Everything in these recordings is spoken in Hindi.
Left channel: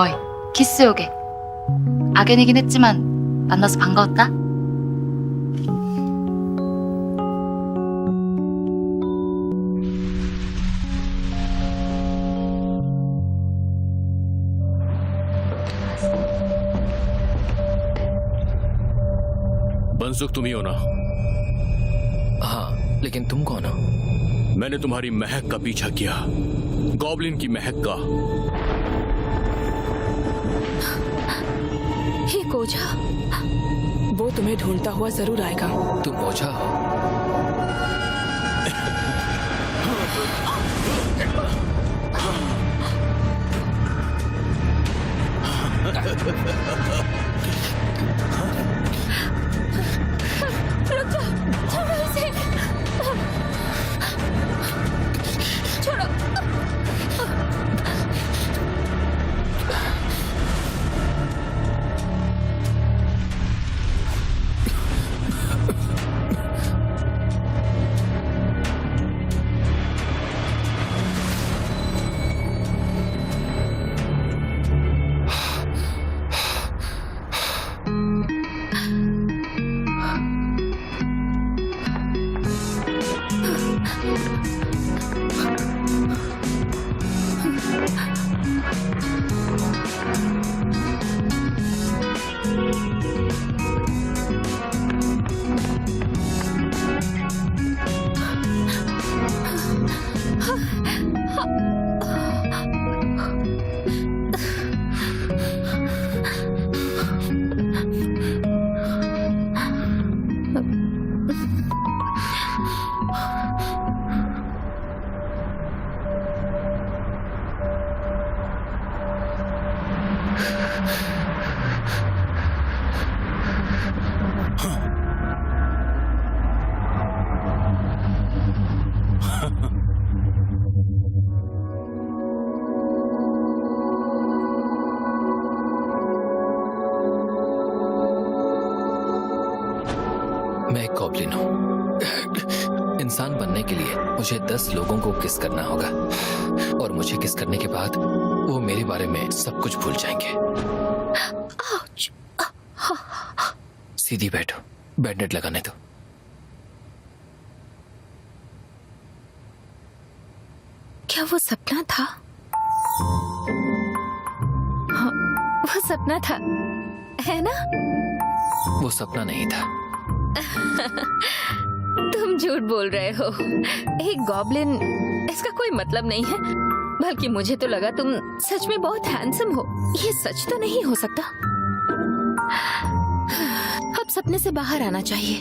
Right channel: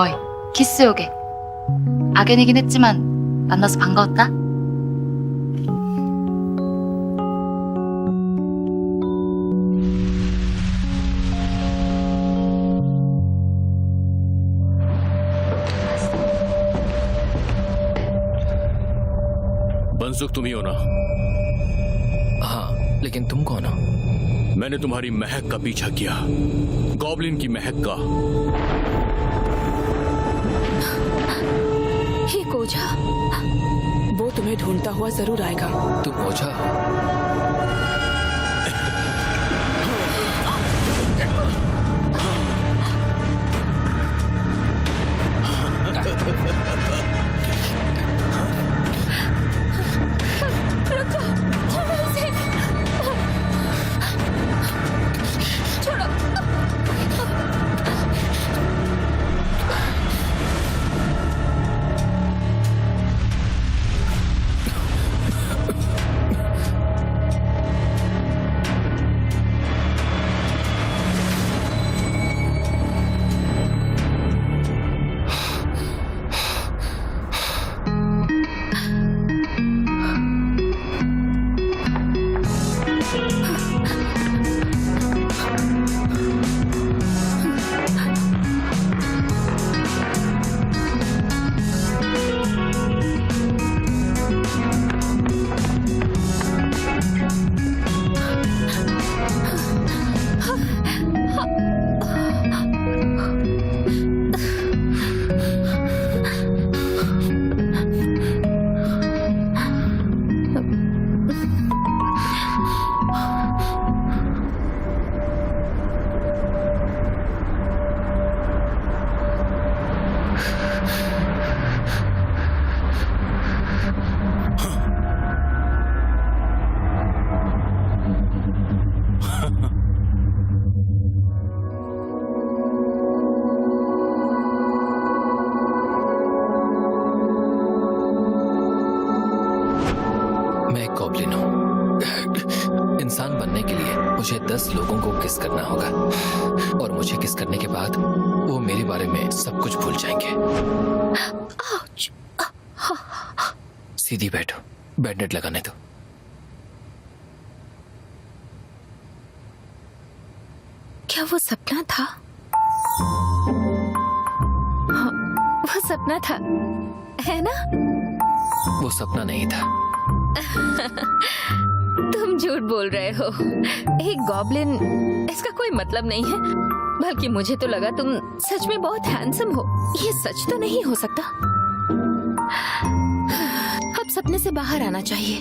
어이, 키스 요게. 악연이긴 했지만 만나서 반가웠다. बंसुक तुम ही हो ना? हाँ, लेकिन तुम कौन हो? मैंने तुम्हारी महक का पीछा किया, गॉब्लिन की महक का। हे कोझा, वो तुम्हें ढूंढता हुआ जरूर आएगा। तुम ओझा हो? रुक जाओ, छोड़ो इसे, छोड़ो। मैं एक गॉब्लिन हूँ। इंसान बनने के लिए मुझे 10 लोगों को किस करना होगा, और मुझे किस करने के बाद वो मेरे बारे में सब कुछ भूल जाएंगे। सीधी बैठो, बैंडेड लगाने दो। क्या वो सपना था? हाँ, वो सपना था, है ना? वो सपना नहीं था। तुम झूठ बोल रहे हो। एक गॉब्लिन, इसका कोई मतलब नहीं है। बल्कि मुझे तो लगा तुम सच में बहुत हैंडसम हो। ये सच तो नहीं हो सकता। अब सपने से बाहर आना चाहिए।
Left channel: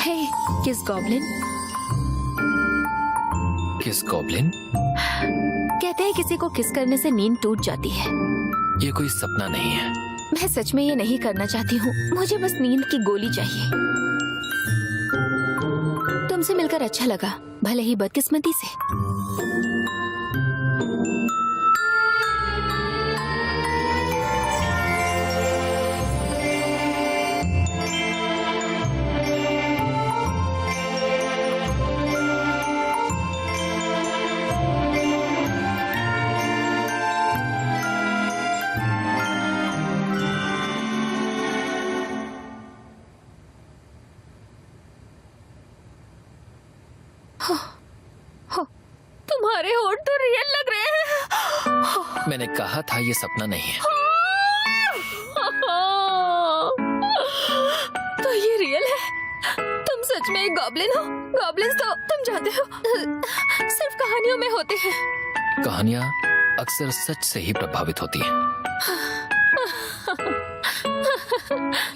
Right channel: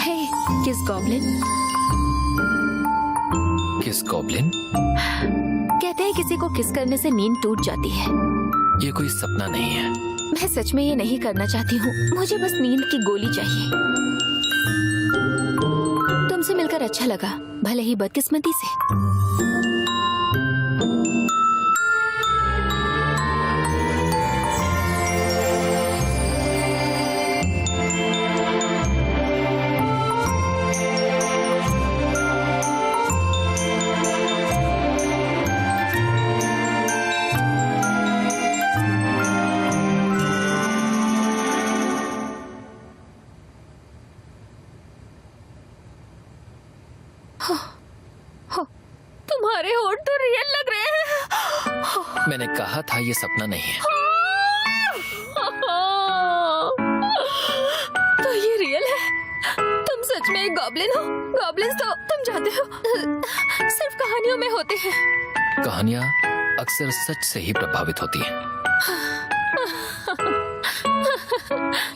हे, किस गॉब्लिन? किस गॉब्लिन? कहते हैं किसी को किस करने से नींद टूट जाती है। ये कोई सपना नहीं है। मैं सच में ये नहीं करना चाहती हूँ। मुझे बस नींद की गोली चाहिए। तुमसे मिलकर अच्छा लगा, भले ही बदकिस्मती से। तुम्हारे होठ तो रियल लग रहे हैं। मैंने कहा था ये सपना नहीं है। तो ये रियल है? तुम सच में एक गॉब्लिन हो? गॉब्लिन्स तो तुम जानते हो सिर्फ कहानियों में होते हैं। कहानियां अक्सर सच से ही प्रभावित होती हैं।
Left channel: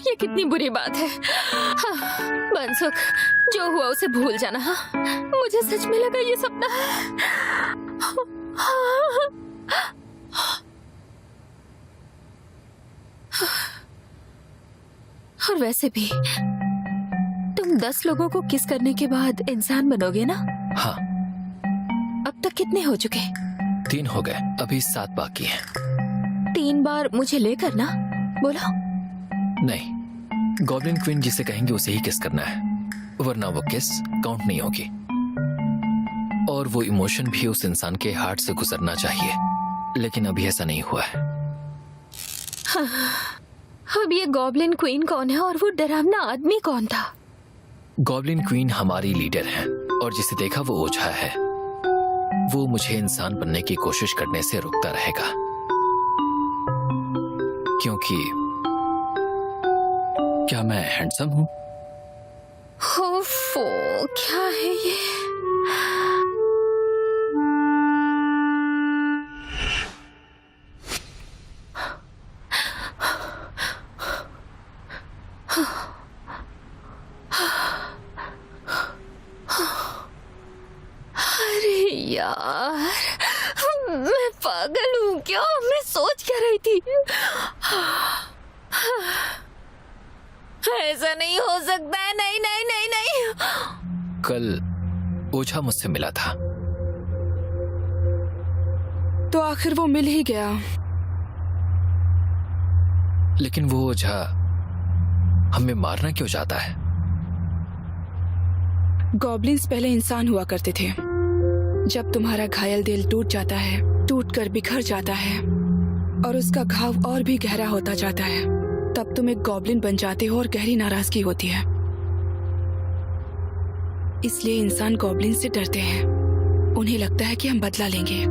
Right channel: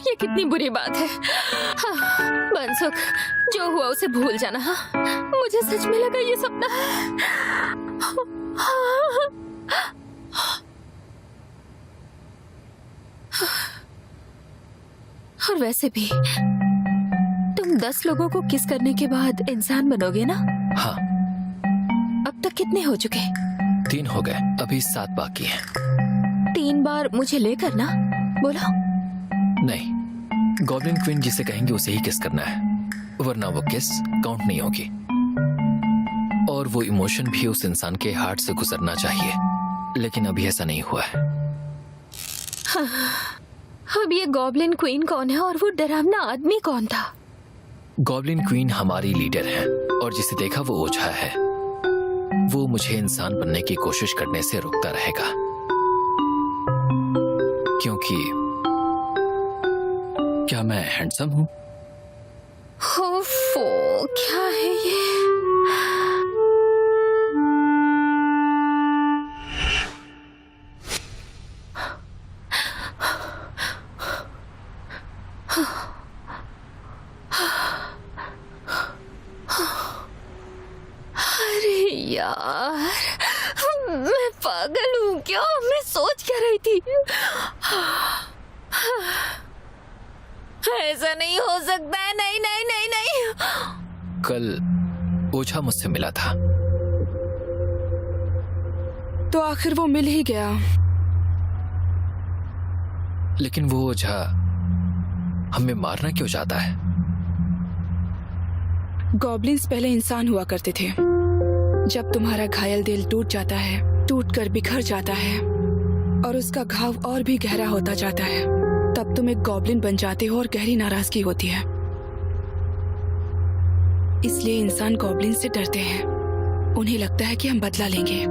ये कितनी बुरी बात है। बंसुक, जो हुआ उसे भूल जाना। मुझे सच में लगा ये सपना है। और वैसे भी तुम 10 लोगों को किस करने के बाद इंसान बनोगे ना? हाँ। अब तक कितने हो चुके? 3 हो गए, अभी 7 बाकी हैं। 3 बार मुझे लेकर ना? बोलो। नहीं, गॉब्लिन क्वीन जिसे कहेंगे उसे ही किस करना है, वरना वो किस काउंट नहीं होगी। और वो इमोशन भी उस इंसान के हार्ट से गुजरना चाहिए लेकिन अभी ऐसा नहीं हुआ है। अब ये गॉब्लिन क्वीन कौन है और वो डरावना आदमी कौन था? गॉब्लिन क्वीन हमारी लीडर है और जिसे देखा वो ओझा है। वो मुझे इंसान बनने की कोशिश करने से रुकता रहेगा, क्योंकि क्या मैं हैंडसम हूं? ओफो, क्या है ये? अरे यार, मैं पागल हूँ क्या? मैं सोच क्या रही थी? ऐसा नहीं हो सकता है। नहीं नहीं नहीं नहीं। कल ओझा मुझसे मिला था। तो आखिर वो मिल ही गया। लेकिन वो ओझा हमें मारना क्यों चाहता है? गॉब्लिन्स पहले इंसान हुआ करते थे। जब तुम्हारा घायल दिल टूट जाता है, टूटकर बिखर जाता है और उसका घाव और भी गहरा होता जाता है, तब तुम एक गॉब्लिन बन जाते हो और गहरी नाराजगी होती है। इसलिए इंसान गॉब्लिन से डरते हैं। उन्हें लगता है कि हम बदला लेंगे।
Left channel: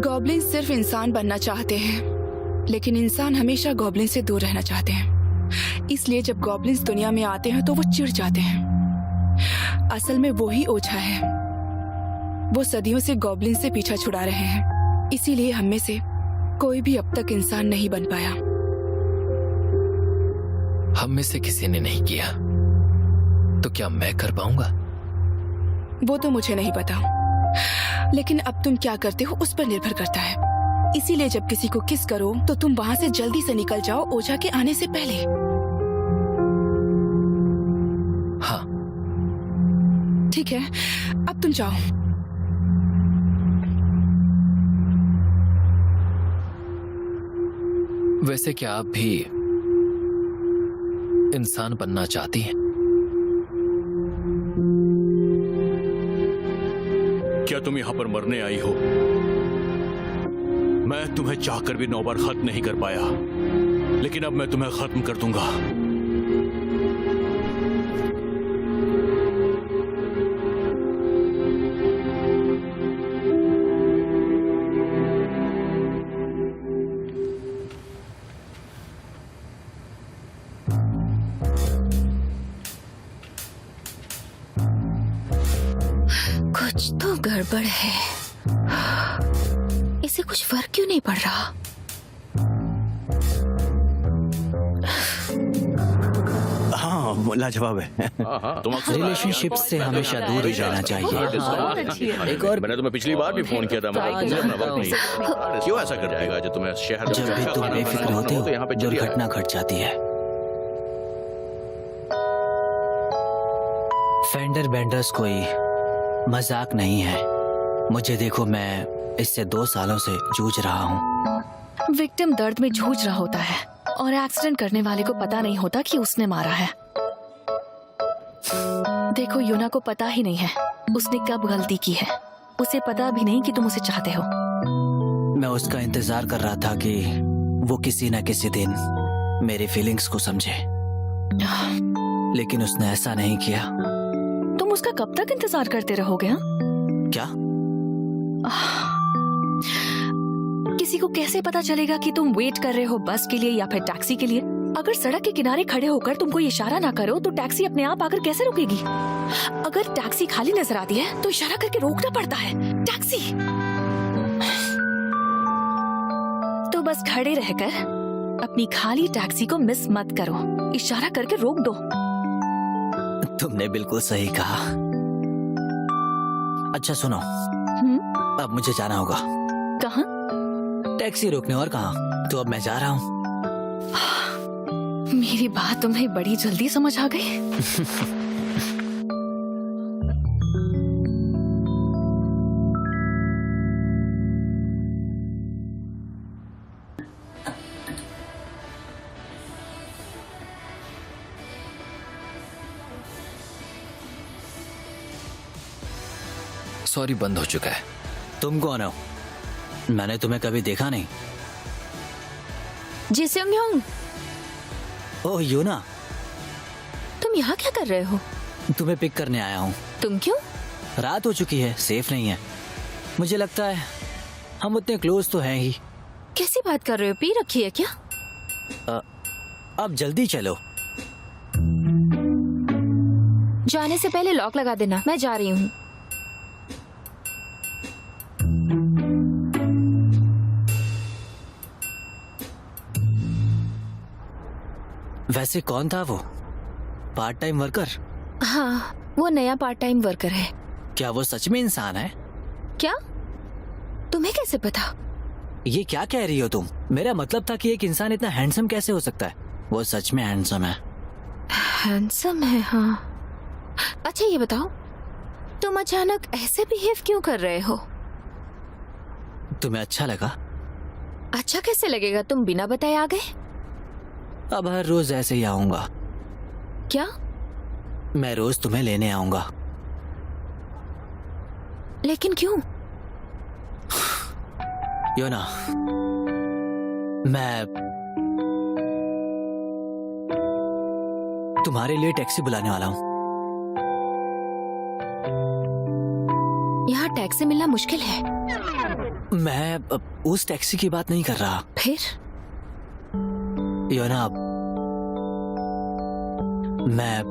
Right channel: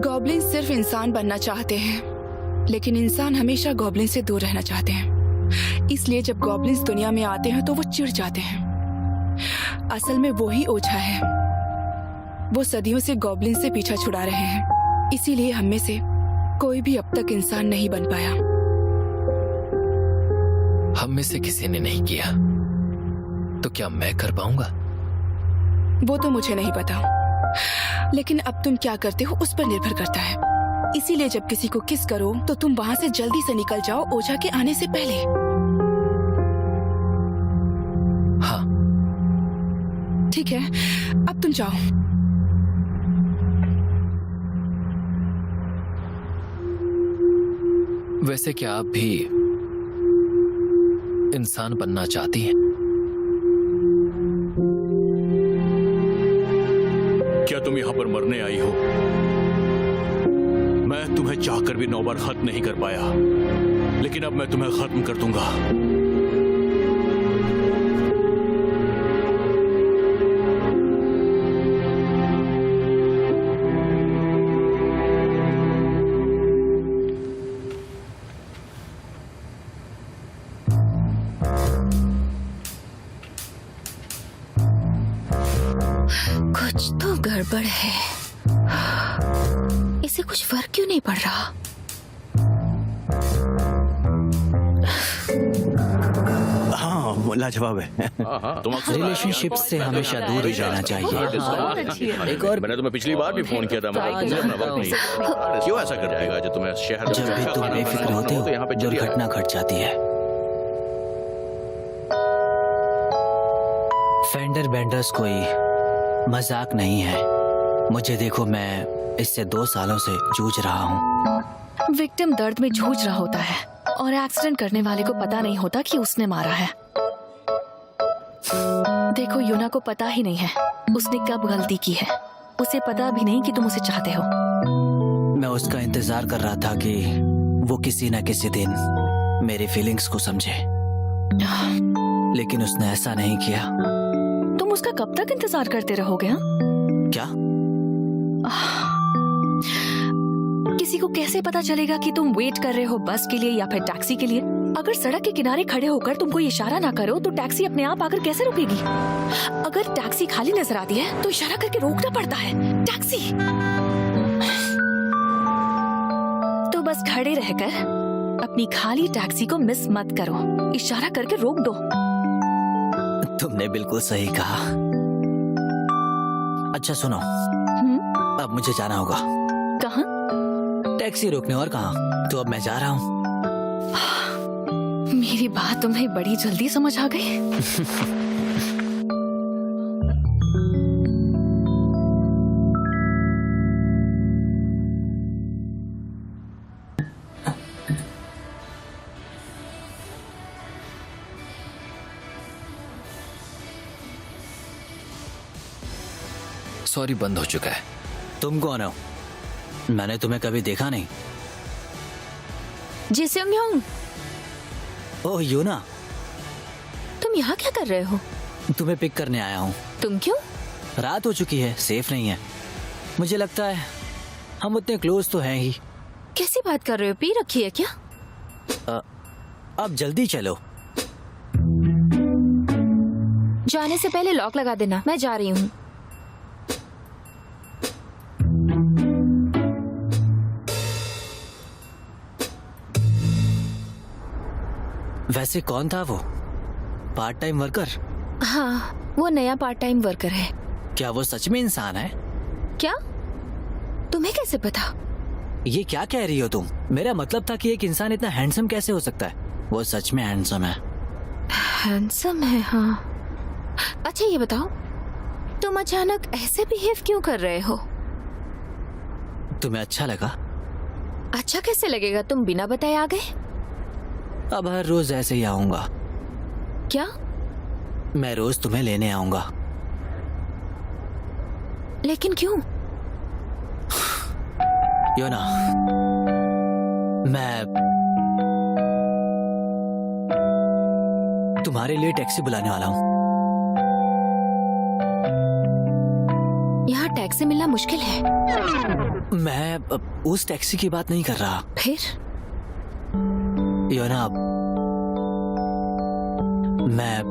गॉब्लिन सिर्फ इंसान बनना चाहते हैं, लेकिन इंसान हमेशा गॉब्लिन से दूर रहना चाहते हैं। इसलिए जब गॉब्लिन्स दुनिया में आते हैं तो वो चिढ़ जाते हैं। असल में वो ही ओझा है। वो सदियों से गॉब्लिन से पीछा छुड़ा रहे हैं। इसीलिए हम में से कोई भी अब तक इंसान नहीं बन पाया। हम में से किसी ने नहीं किया, तो क्या मैं कर पाऊंगा? वो तो मुझे नहीं पता, लेकिन अब तुम क्या करते हो उस पर निर्भर करता है। इसीलिए जब किसी को किस करो तो तुम वहां से जल्दी से निकल जाओ, ओझा के आने से पहले। हाँ ठीक है, अब तुम जाओ। वैसे क्या आप भी इंसान बनना चाहती हैं? क्या तुम यहां पर मरने आई हो? मैं तुम्हें चाहकर भी 9 बार खत्म नहीं कर पाया, लेकिन अब मैं तुम्हें खत्म कर दूंगा। कुछ तो गड़बड़ है। इसे कुछ फर्क क्यों नहीं पड़ रहा? हाँ, लाजवाब है। रिलेशनशिप से हमेशा दूर ही रहना चाहिए। एक और मैंने तुम्हें पिछली बार भी फोन किया था, मगर तुमने अपना वक्त नहीं। क्यों ऐसा करते हैं जो तुम्हें शहर जब भी तुम बेफिक्र होते हो, यहाँ पे दुर्घटना घट जाती है। फेंडर बेंडर्स कोई मजाक नहीं है। मुझे देखो, मैं इससे 2 सालों से जूझ रहा हूँ। विक्टिम दर्द में जूझ रहा होता है और एक्सीडेंट करने वाले को पता नहीं होता कि उसने मारा है। देखो, यूना को पता ही नहीं है उसने कब गलती की है। उसे पता भी नहीं कि तुम उसे चाहते हो। मैं उसका इंतजार कर रहा था कि वो किसी न किसी दिन मेरी फीलिंग्स को समझे, लेकिन उसने ऐसा नहीं किया। तुम उसका कब तक इंतजार करते रहोगे? हाँ? क्या? किसी को कैसे पता चलेगा कि तुम वेट कर रहे हो बस के लिए या फिर टैक्सी के लिए? अगर सड़क के किनारे खड़े होकर तुम कोई इशारा ना करो तो टैक्सी अपने आप आकर कैसे रुकेगी? अगर टैक्सी खाली नजर आती है तो इशारा करके रोकना पड़ता है। टैक्सी तो बस खड़े रहकर अपनी खाली टैक्सी को मिस मत करो, इशारा करके रोक दो। तुमने बिल्कुल सही कहा। अच्छा सुनो, अब मुझे जाना होगा। कहाँ? टैक्सी रोकने। और कहाँ? तो अब मैं जा रहा हूँ। मेरी बात तुम्हें बड़ी जल्दी समझ आ गई। सॉरी, बंद हो चुका है। तुम कौन हो? मैंने तुम्हें कभी देखा नहीं। जी सेंगयोंग, ओह यूना, तुम यहाँ क्या कर रहे हो? तुम्हें पिक करने आया हूँ। तुम क्यों? रात हो चुकी है, सेफ नहीं है। मुझे लगता है हम उतने क्लोज तो हैं ही। कैसी बात कर रहे हो? पी रखी है क्या? अब जल्दी चलो। जाने से पहले लॉक लगा देना, मैं जा रही हूँ। वैसे कौन था वो? Part time worker? हाँ, वो नया पार्ट टाइम वर्कर है। क्या वो सच में इंसान है? क्या? तुम्हें कैसे पता? ये क्या कह रही हो तुम? मेरा मतलब था कि एक इंसान इतना हैंडसम कैसे हो सकता है? वो सच में हैंडसम है। हैंडसम है, हाँ। अच्छा ये बताओ, तुम अचानक ऐसे बिहेव क्यों कर रहे हो? तुम्हें अच्छा लगा? अच्छा कैसे लगेगा? तुम बिना बताए आ गए। अब हर रोज ऐसे ही आऊंगा। क्या? मैं रोज तुम्हें लेने आऊंगा। लेकिन क्यों? योना, मैं तुम्हारे लिए टैक्सी बुलाने वाला हूँ। यहाँ टैक्सी मिलना मुश्किल है। मैं उस टैक्सी की बात नहीं कर रहा। फिर? योना, मैं